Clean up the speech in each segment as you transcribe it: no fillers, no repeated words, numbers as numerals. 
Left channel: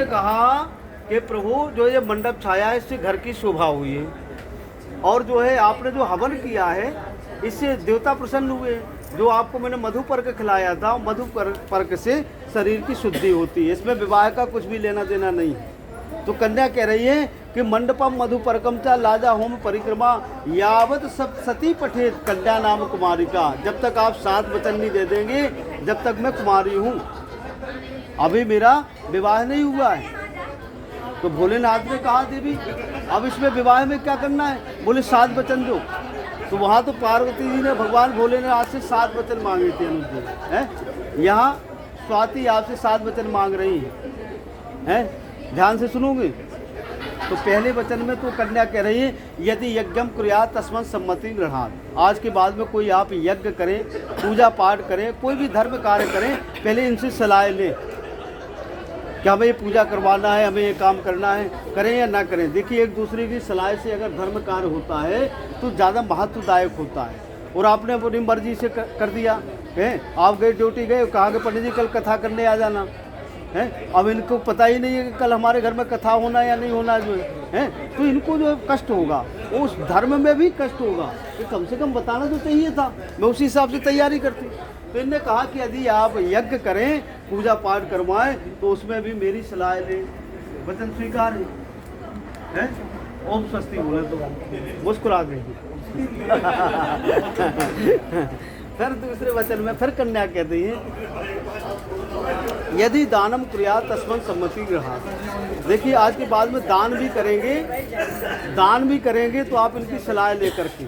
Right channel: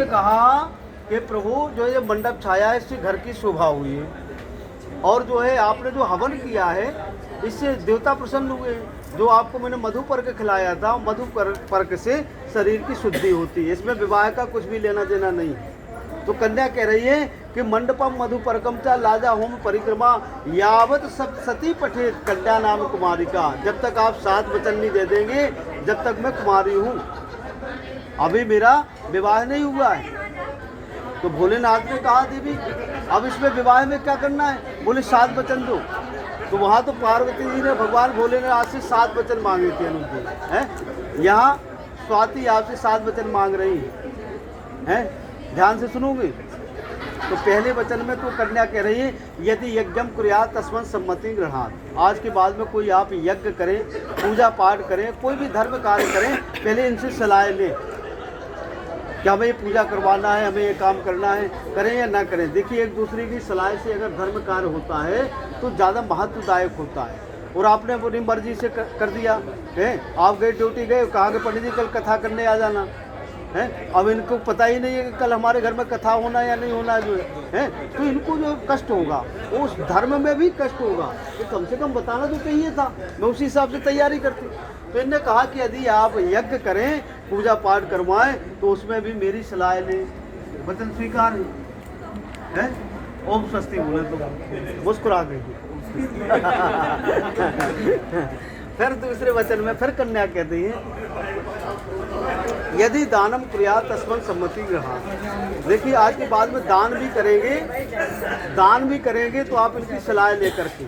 ने कहा कि प्रभु जो ये मंडप छाया है इससे घर की शोभा हुई है, और जो है आपने जो हवन किया है इससे देवता प्रसन्न हुए। जो आपको मैंने मधु पर्क खिलाया था, मधु पर्क से शरीर की शुद्धि होती है, इसमें विवाह का कुछ भी लेना देना नहीं है। तो कन्या कह रही है कि मंडपम मधु पर्कम चा लाजा होम परिक्रमा यावत सब सती पठे कन्या नाम कुमारी का। जब तक आप 7 वचन नहीं दे देंगे जब तक मैं कुमारी हूँ, अभी मेरा विवाह नहीं हुआ है। तो भोलेनाथ ने कहा देवी अब इसमें विवाह में क्या करना है? बोले 7 वचन दो। तो वहाँ तो पार्वती जी ने भगवान भोलेनाथ से 7 वचन मांगे थे अनुज हैं। यहाँ स्वाति आपसे 7 वचन मांग रही है, ध्यान से सुनोगे। तो पहले वचन में तो कन्या कह रही है यदि यज्ञम कुर्यात तस्मत् सम्मति गृहात्। आज के बाद में कोई आप यज्ञ करें, पूजा पाठ करें, कोई भी धर्म कार्य करें, पहले इनसे सलाह लें कि हमें ये पूजा करवाना है, हमें ये काम करना है, करें या ना करें। देखिए एक दूसरे की सलाह से अगर धर्म कार्य होता है तो ज़्यादा महत्वदायक होता है। और आपने अपनी मर्जी से कर दिया है, आप गए ड्यूटी गए, कहा कि पंडित जी कल कथा करने आ जाना है। अब इनको पता ही नहीं है कि कल हमारे घर में कथा होना या नहीं होना जो है, तो इनको जो कष्ट होगा उस धर्म में भी कष्ट होगा। तो कम से कम बताना तो चाहिए था, मैं उसी हिसाब से तैयारी करती। तो इनने कहा कि यदि आप यज्ञ करें, पूजा पाठ करवाएं, तो उसमें भी मेरी सलाह लें। वचन स्वीकार है। ओम स्वस्ति बोले तो मुस्कुरा गई। फिर दूसरे वचन में फिर कन्या कहती है यदि दानम क्रिया तस्मत् सम्मति गृहात्। देखिए आज के बाद में दान भी करेंगे तो आप इनकी सलाह लेकर के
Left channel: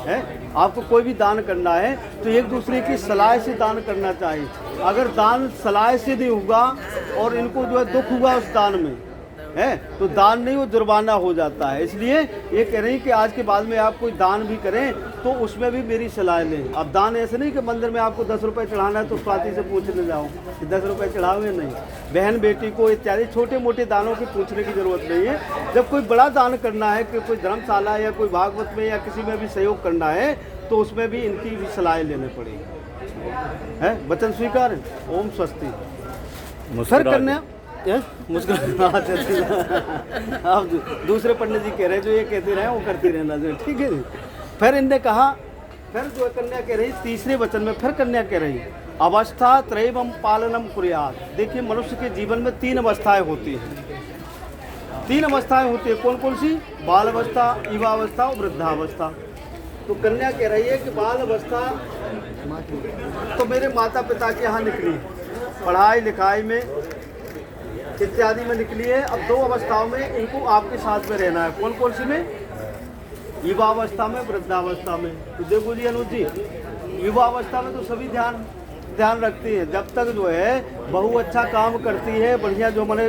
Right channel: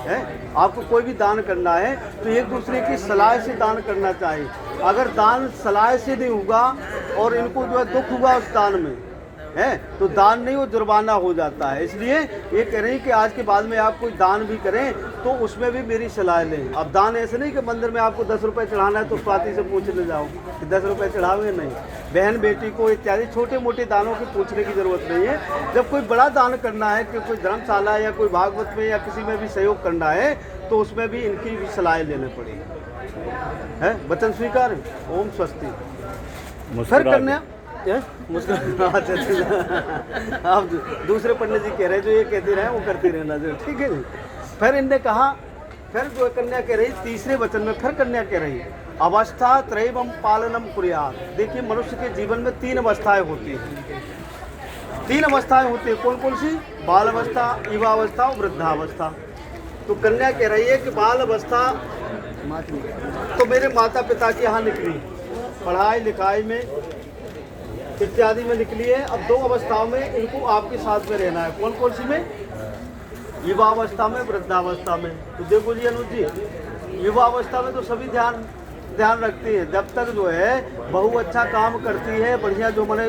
है। आपको कोई भी दान करना है तो एक दूसरे की सलाह से दान करना चाहिए। अगर दान सलाह से नहीं होगा और इनको जो है दुख हुआ उस दान में है तो दान नहीं, वो जुर्माना हो जाता है। इसलिए ये कह रही कि आज के बाद में आप कोई दान भी करें तो उसमें भी मेरी सलाह लें। अब दान ऐसे नहीं कि मंदिर में आपको 10 रुपये चढ़ाना है तो स्वाति से पूछने जाओ कि 10 रुपये चढ़ाओगे, नहीं। बहन बेटी को इत्यादि छोटे मोटे दानों की पूछने की जरूरत नहीं है। जब कोई बड़ा दान करना है कि कोई धर्मशाला या कोई भागवत में या किसी में भी सहयोग करना है तो उसमें भी इनकी भी सलाह लेनी पड़ेगी है। वचन स्वीकार। ओम स्वस्ति। फिर करने आप दूसरे पंडित जी कह रहे जो ये कहते रहे वो करते रहना जो, ठीक है। फिर इनने कहा, फिर जो कन्या कह रही तीसरे वचन में फिर कन्या कह रही अवस्था त्रयवम पालनम कुर्यात्। देखिए मनुष्य के जीवन में 3 अवस्थाएं होती हैं। 3 अवस्थाएं होती है। कौन कौन सी? बाल अवस्था, युवावस्था और वृद्धावस्था। तो कन्या कह रही है कि बाल अवस्था तो मेरे माता पिता के यहाँ निकली, पढ़ाई लिखाई में इत्यादि में निकली है। अब 2 अवस्थाओं में इनको आपके साथ में रहना है। कौन कौन सी में? युवावस्था में, वृद्धावस्था में। तो देखो जी अनुज जी, युवावस्था में तो सभी ध्यान रखती है। जब तक जो है बहू अच्छा काम करती है, बढ़िया जो मैंने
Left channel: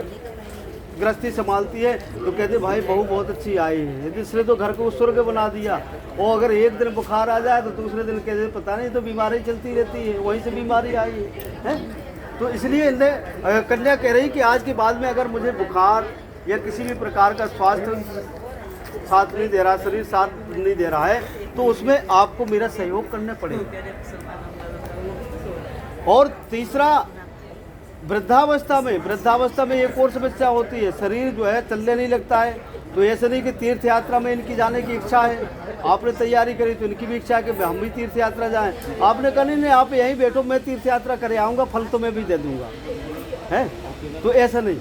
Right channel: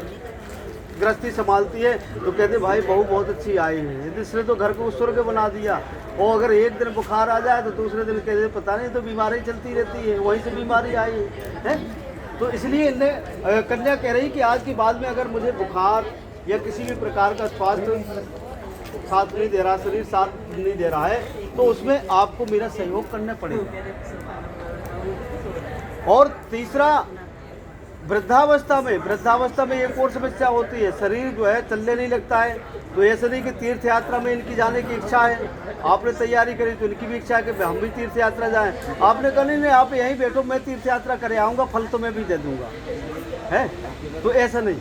गृहस्थी संभालती है तो कहते भाई बहू बहुत अच्छी आई है। इसने तो घर को स्वर्ग बना दिया। और अगर एक दिन बुखार आ जाए तो दूसरे दिन कहते पता नहीं तो बीमारी चलती रहती है, वहीं से बीमारी आई है। तो इसलिए कन्या कह रही कि आज के बाद में अगर मुझे बुखार या किसी भी प्रकार का स्वास्थ्य साथ नहीं दे रहा, शरीर साथ नहीं दे रहा है, तो उसमें आपको मेरा सहयोग करना पड़ेगा। और तीसरा वृद्धावस्था में एक और समस्या होती है, शरीर जो है चलने नहीं लगता है। तो ऐसा नहीं कि तीर्थ यात्रा में इनकी जाने की इच्छा है, आपने तैयारी करी तो इनकी भी इच्छा है कि हम भी तीर्थ यात्रा जाएं। आपने कहा नहीं आप यहीं बैठो, मैं तीर्थ यात्रा करे आऊँगा, फल तो मैं भी दे दूँगा है। तो ऐसा नहीं,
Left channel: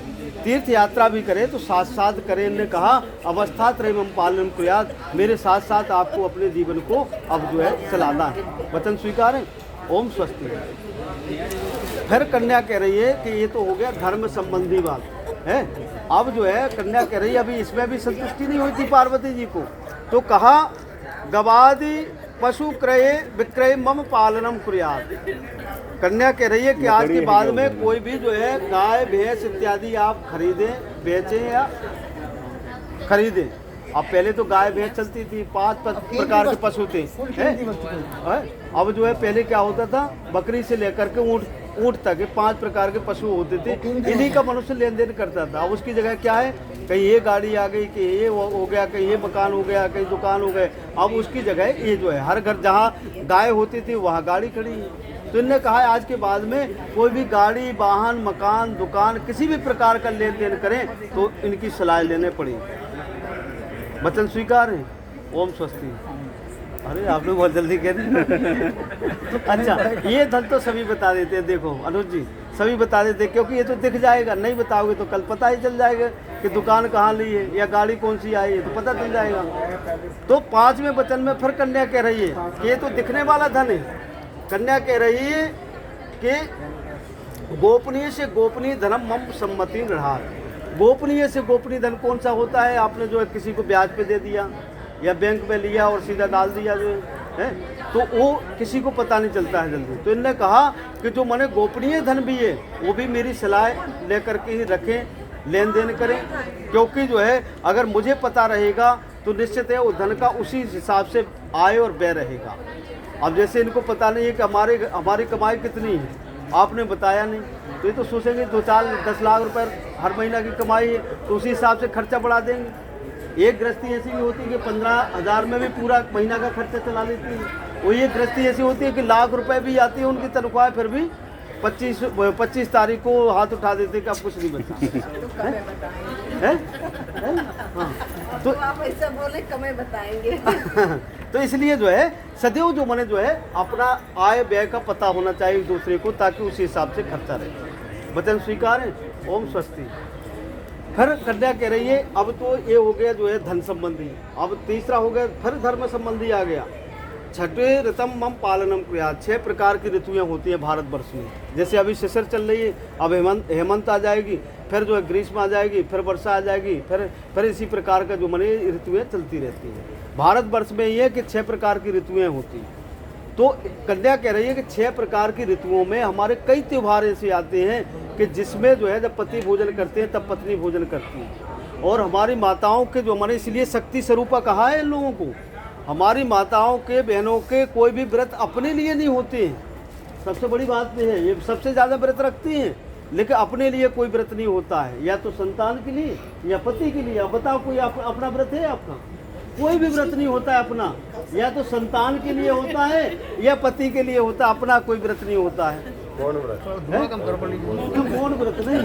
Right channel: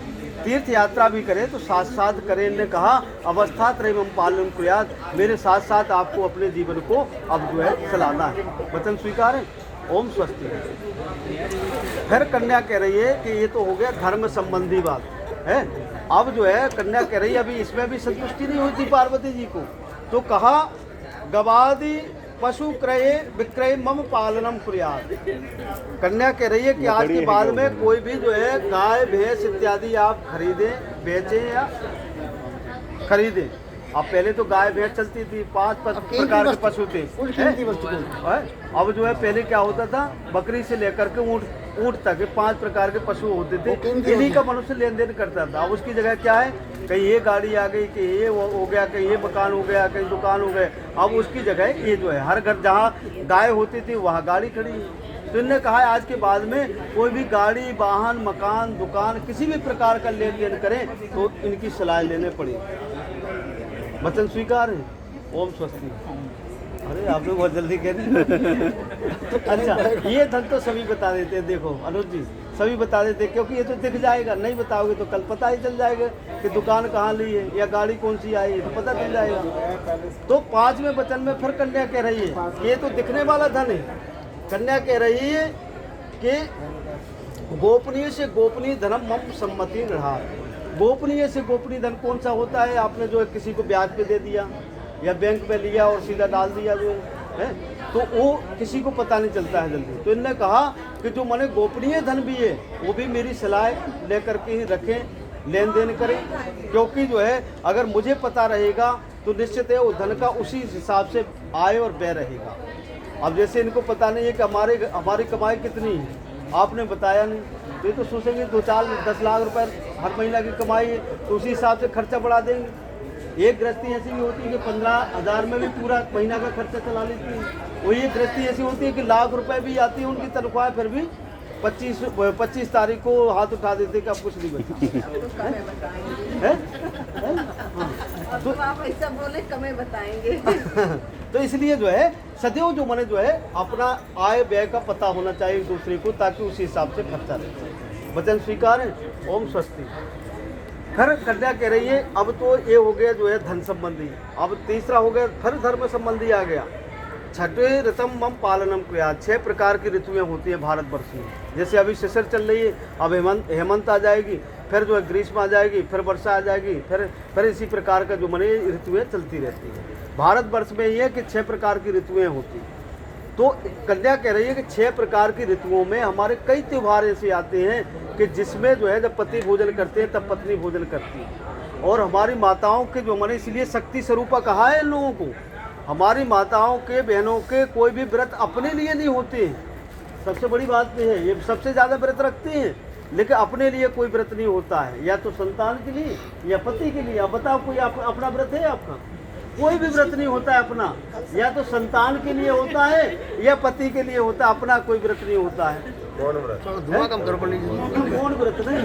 तीर्थ यात्रा भी करें तो साथ साथ करें। इन्होंने कहा अवस्था त्रयवम पालनम कुर्यात्, मेरे साथ साथ आपको अपने जीवन को अब जो है चलाना है। वचन स्वीकार है। ओम स्वस्ति। फिर कन्या कह रही है कि ये तो हो गया धर्म संबंधी बात है। अब जो है कन्या कह रही है अभी इसमें भी संतुष्टि नहीं होती पार्वती जी को, तो कहा गवादि पशु क्रय विक्रय मम पालनम कुर्यात्। कन्या कह रही है कि आज के बाद में कोई भी जो है गाय भैंस इत्यादि आप खरीदें, बेचें या खरीदें। अब पहले तो गाय भैंस चलती थी, 5 प्रकार के पशु थे। अब जो है पहले क्या होता था, बकरी से लेकर के ऊँट तक 5 प्रकार के पशु होते थे। इन्हीं का मनुष्य लेन देन करता था। अब उसकी जगह क्या है, कहीं ये गाड़ी आ गई, कि ये हो गया, कहीं ये मकान हो गया, कहीं दुकान हो गए। अब उसकी जगह ये जो है हर घर जहाँ गाय होती थी वहाँ गाड़ी खड़ी है। तो इनने कहा है आज के बाद में कोई भी गाड़ी, वाहन, मकान, दुकान, किसी भी प्रकार का लेन देन करें तो इनकी सलाह लेने पड़ी। वचन स्वीकार है। ओम स्वस्ति। अरे आप लोग बहुत जल्दी कह रहे तो अच्छा, ये धन तो सभी बता देते हैं। देखो अनुज जी, सभी बता देते हैं, क्योंकि ये तो दिख जाएगा, नहीं बताओगे तो कल पता ही चल जाएगा कि दुकान कहाँ ली है या गाड़ी कौन सी आई है, तो पता चल जाएगा। तो 5वें वचन में फिर कन्या कह रही है कि ये तो दिखने वाला धन है। कन्या कह रही है कि गोपनीय से गोपनीय धनम मम सम्मति रहा। गोपनीय से गोपनीय धन कौन सा होता है? आपने जो है किसी को ब्याज पे दे दिया या बैंक में लिया और सीधा डाल दिया जो है, तो वो किसी को पता नहीं चलता है जल्दी। तो इनने कहा कि जो मैंने गोपनीय धन भी है वो भी मेरी सलाह लेकर के ही रखें, लेन देन करें, क्योंकि जो है अगर मुझे पता रहेगा तो निश्चित है वो धन का उसी हिसाब से आय और व्यय रहेगा। अब जैसे इनको पता नहीं है कि हमारी कमाई कितनी है, आपने बताया नहीं, तो ये तो सोचेंगे 2-4-10 लाख रुपए हर महीना की कमाई है, तो उसी हिसाब से खर्चा बढ़ा देंगे। एक गृहस्थी ऐसी भी होती है कि 15,000 में भी पूरा महीना का खर्चा चला लेती है। वो ये गृहस्थी ऐसी होती है कि लाख रुपए भी आती है उनकी तनख्वाह, फिर भी 25 तारीख को हाथ उठा देते कि आप कुछ नहीं बचा तो आप ऐसा बोले कमे बताएंगे। तो इसलिए जो है सदैव जो मैंने जो है अपना आय व्यय का पता होना चाहिए दूसरे को, ताकि उसी हिसाब से खर्चा रहे। वचन स्वीकार है। ओम स्वस्ति। फिर कन्या कह रही है अब तो ये हो गया जो है धन संबंधी, अब तीसरा हो गया फिर धर्म संबंधी आ गया। छठे ऋतम मम पालनम क्रिया। 6 प्रकार की ऋतुएं होती है भारतवर्ष में। जैसे अभी शिशिर चल रही है, अब हेमंत आ जाएगी, फिर जो है ग्रीष्म आ जाएगी, फिर वर्षा आ जाएगी, फिर इसी प्रकार का जो मने ऋतुएं चलती रहती हैं। भारतवर्ष में ये है कि 6 प्रकार की ऋतुएं होती हैं। तो कन्या कह रही है कि 6 प्रकार की ऋतुओं में हमारे कई त्यौहार ऐसे आते हैं कि जिसमें जो है जब पति भोजन करते हैं तब पत्नी भोजन करती है। और हमारी माताओं के जो हमारे इसलिए शक्ति स्वरूपा कहा है इन लोगों को, हमारी माताओं के बहनों के कोई भी व्रत अपने लिए नहीं होते हैं। सबसे बड़ी बात ये है, ये सबसे ज़्यादा व्रत रखती हैं, लेकिन अपने लिए कोई व्रत नहीं होता है, या तो संतान के लिए या पति के लिए। अब बताओ कोई अपना व्रत है? आपका कोई भी व्रत नहीं होता है अपना, या तो संतान के लिए होता है या पति के लिए होता है, अपना कोई व्रत नहीं होता है। मौन व्रत नहीं,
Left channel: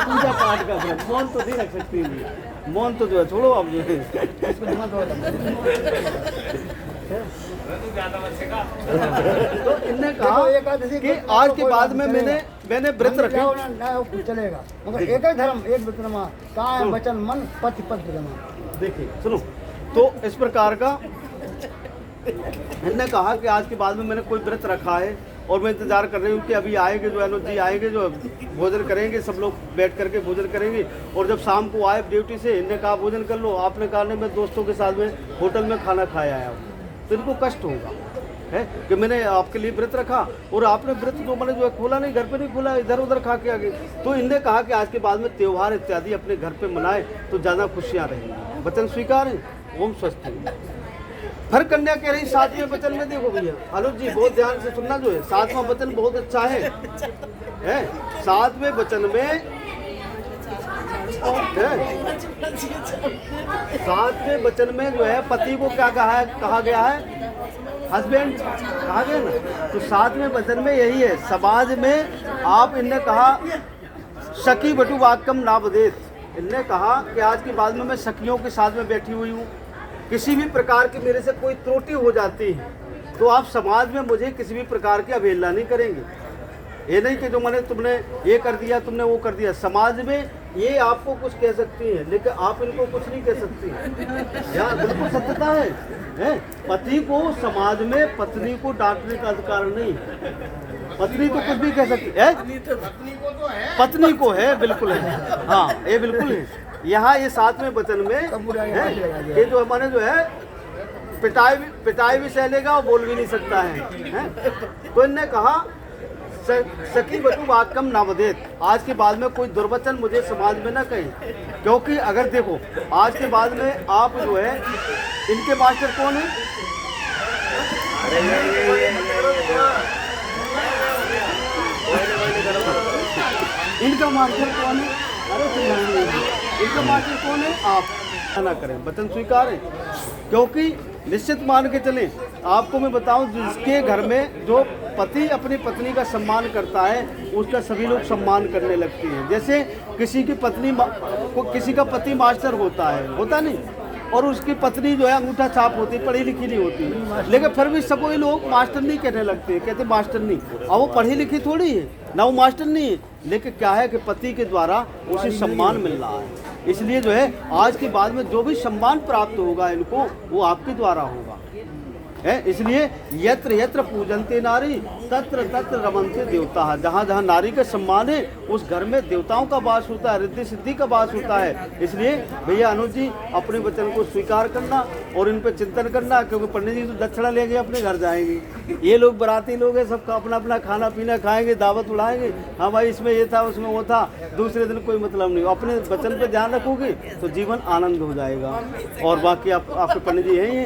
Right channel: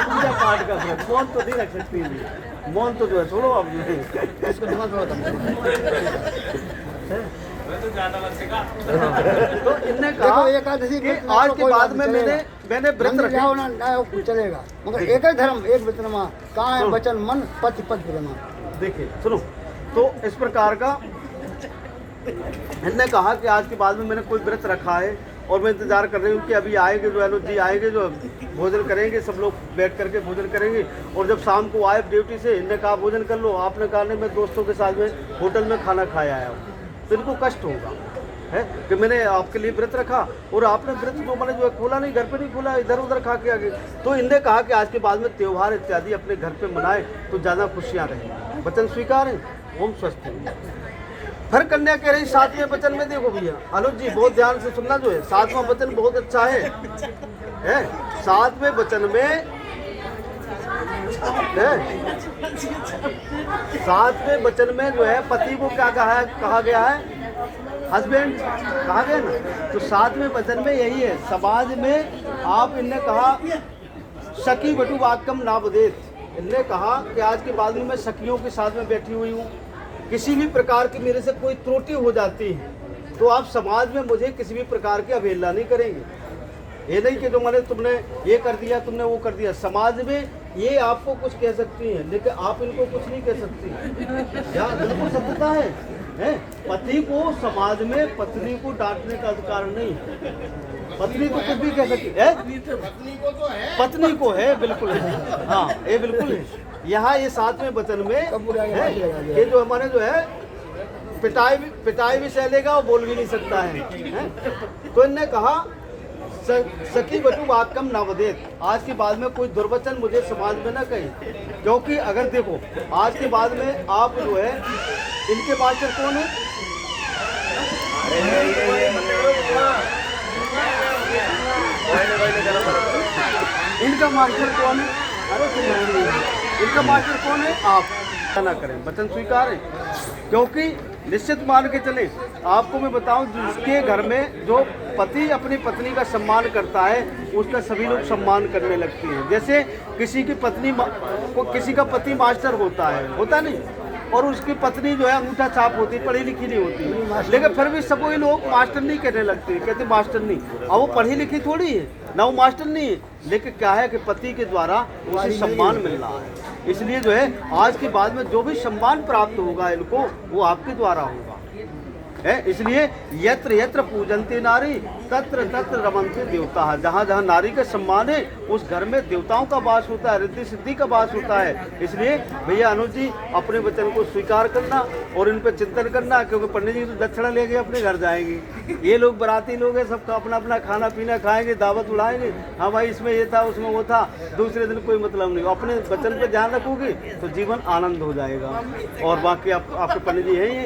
पूजा पाठ का व्रत, मौन तो नहीं रख सकती है, मौन तो जो है छोड़ो अब। तो इनने कहा कि आज के बाद में मैंने व्रत रखे चलेगा, मगर एक ही धर्म एक वचन काय वचन मन पति पद ब्रह्म। देखिए सुनो, तो इस प्रकार का इनने कहा कि आज के बाद में मैंने कोई व्रत रखा है और मैं इंतजार कर रही हूँ कि अभी आएंगे जो अनुज जी आएंगे, जो भोजन करेंगे, सब लोग बैठ करके भोजन करेंगे। और जब शाम को आए ड्यूटी से, इनने कहा भोजन कर लो, आपने कहा नहीं मैं दोस्तों के साथ में होटल में खाना खाया आया हूँ, तो इनको कष्ट होगा है कि मैंने आपके लिए व्रत रखा और आपने व्रत जो मैंने जो है खोला नहीं, घर पे नहीं खोला, इधर उधर खा के आ गए। तो इनने कहा कि आज के बाद में त्योहार इत्यादि अपने घर पे मनाए तो ज़्यादा खुशियाँ रहेंगी। वचन स्वीकार है। ओम स्वस्ति। फिर कन्या कह रही 7वें वचन में, देखो भैया अनुज जी बहुत ध्यान से सुनना, जो है 7वां वचन बहुत अच्छा है। 7वें वचन में 7वें वचन में जो है पति को क्या कहा गया है? हस्बैंड कहा गया ना। तो 7वें वचन में यही है, समाज में आप इनने कहा सखी बटु वाक्यम नावदेत। इनने कहा कि आज के बाद में मैं सखियों के साथ में बैठी हुई हूँ, किसी भी प्रकार की मेरे से कोई त्रुटि हो जाती है तो आप समाज में मुझे किसी भी प्रकार की अवहेलना नहीं करेंगे। ये नहीं कि जो मैंने तुमने ये कर दिया, तुमने वो कर दिया। समाज में ये आपको कुछ कह सकती है लेकिन आप इनको कुछ नहीं कह सकती। यहाँ बिल्कुल सत्यता है। पति को समाज में पत्नी को डांटने का अधिकार नहीं, पत्नी को कुछ भी कह सकती है, पत्नी को है, बिल्कुल है। हाँ ये बिल्कुल है। यहाँ ये 7वें वचन में ये जो हमारे जो है पिटाई भी सह लेगा और बोल भी नहीं सकता है। तो इनने कहा सखी बटू वाक्यम नावदेत। आज के बाद में कोई दुर्वचन मुझे समाज में ना कहे, क्योंकि अगर देखो आज के बाद में आप जो है, इनके मास्टर कौन है? इनका मास्टर कौन है? अरे इनका मास्टर कौन है? आप ना करें, वचन स्वीकार है। क्योंकि निश्चित मान के चले। आपको मैं बताऊं, जिसके घर में जो पति अपनी पत्नी का सम्मान करता है उसका सभी लोग सम्मान करने लगते हैं। जैसे किसी की पत्नी किसी का पति मास्टर होता नहीं, और उसकी पत्नी जो है अंगूठा छाप होती है, पढ़ी लिखी नहीं होती, लेकिन फिर भी सब वही लोग मास्टर नहीं कहने लगते हैं, कहते मास्टर नहीं। और वो पढ़ी लिखी थोड़ी है ना, वो मास्टर नहीं है, लेकिन क्या है कि पति के द्वारा उसे सम्मान मिल रहा है। इसलिए जो है आज के बाद में जो भी सम्मान प्राप्त होगा इनको, वो आपके द्वारा होगा है। इसलिए यत्र यत्र पूजन्ते नारी तत्र तत्र रमन्ते देवता। जहाँ जहाँ नारी का सम्मान है उस घर में देवताओं का वास होता है, रिद्धि सिद्धि का वास होता है। इसलिए भैया अनुज जी अपने वचन को स्वीकार करना और इन पर चिंतन करना, क्योंकि पंडित जी तो दक्षिणा लेके अपने घर जाएंगे। ये लोग बराती लोग हैं, सबका अपना अपना खाना पीना खाएंगे, दावत उड़ाएंगे। हाँ भाई इसमें ये था उसमें वो था, दूसरे दिन कोई मतलब नहीं। अपने वचन पे ध्यान रखोगे तो जीवन आनंद हो जाएगा। और बाकी आपके पंडित जी हैं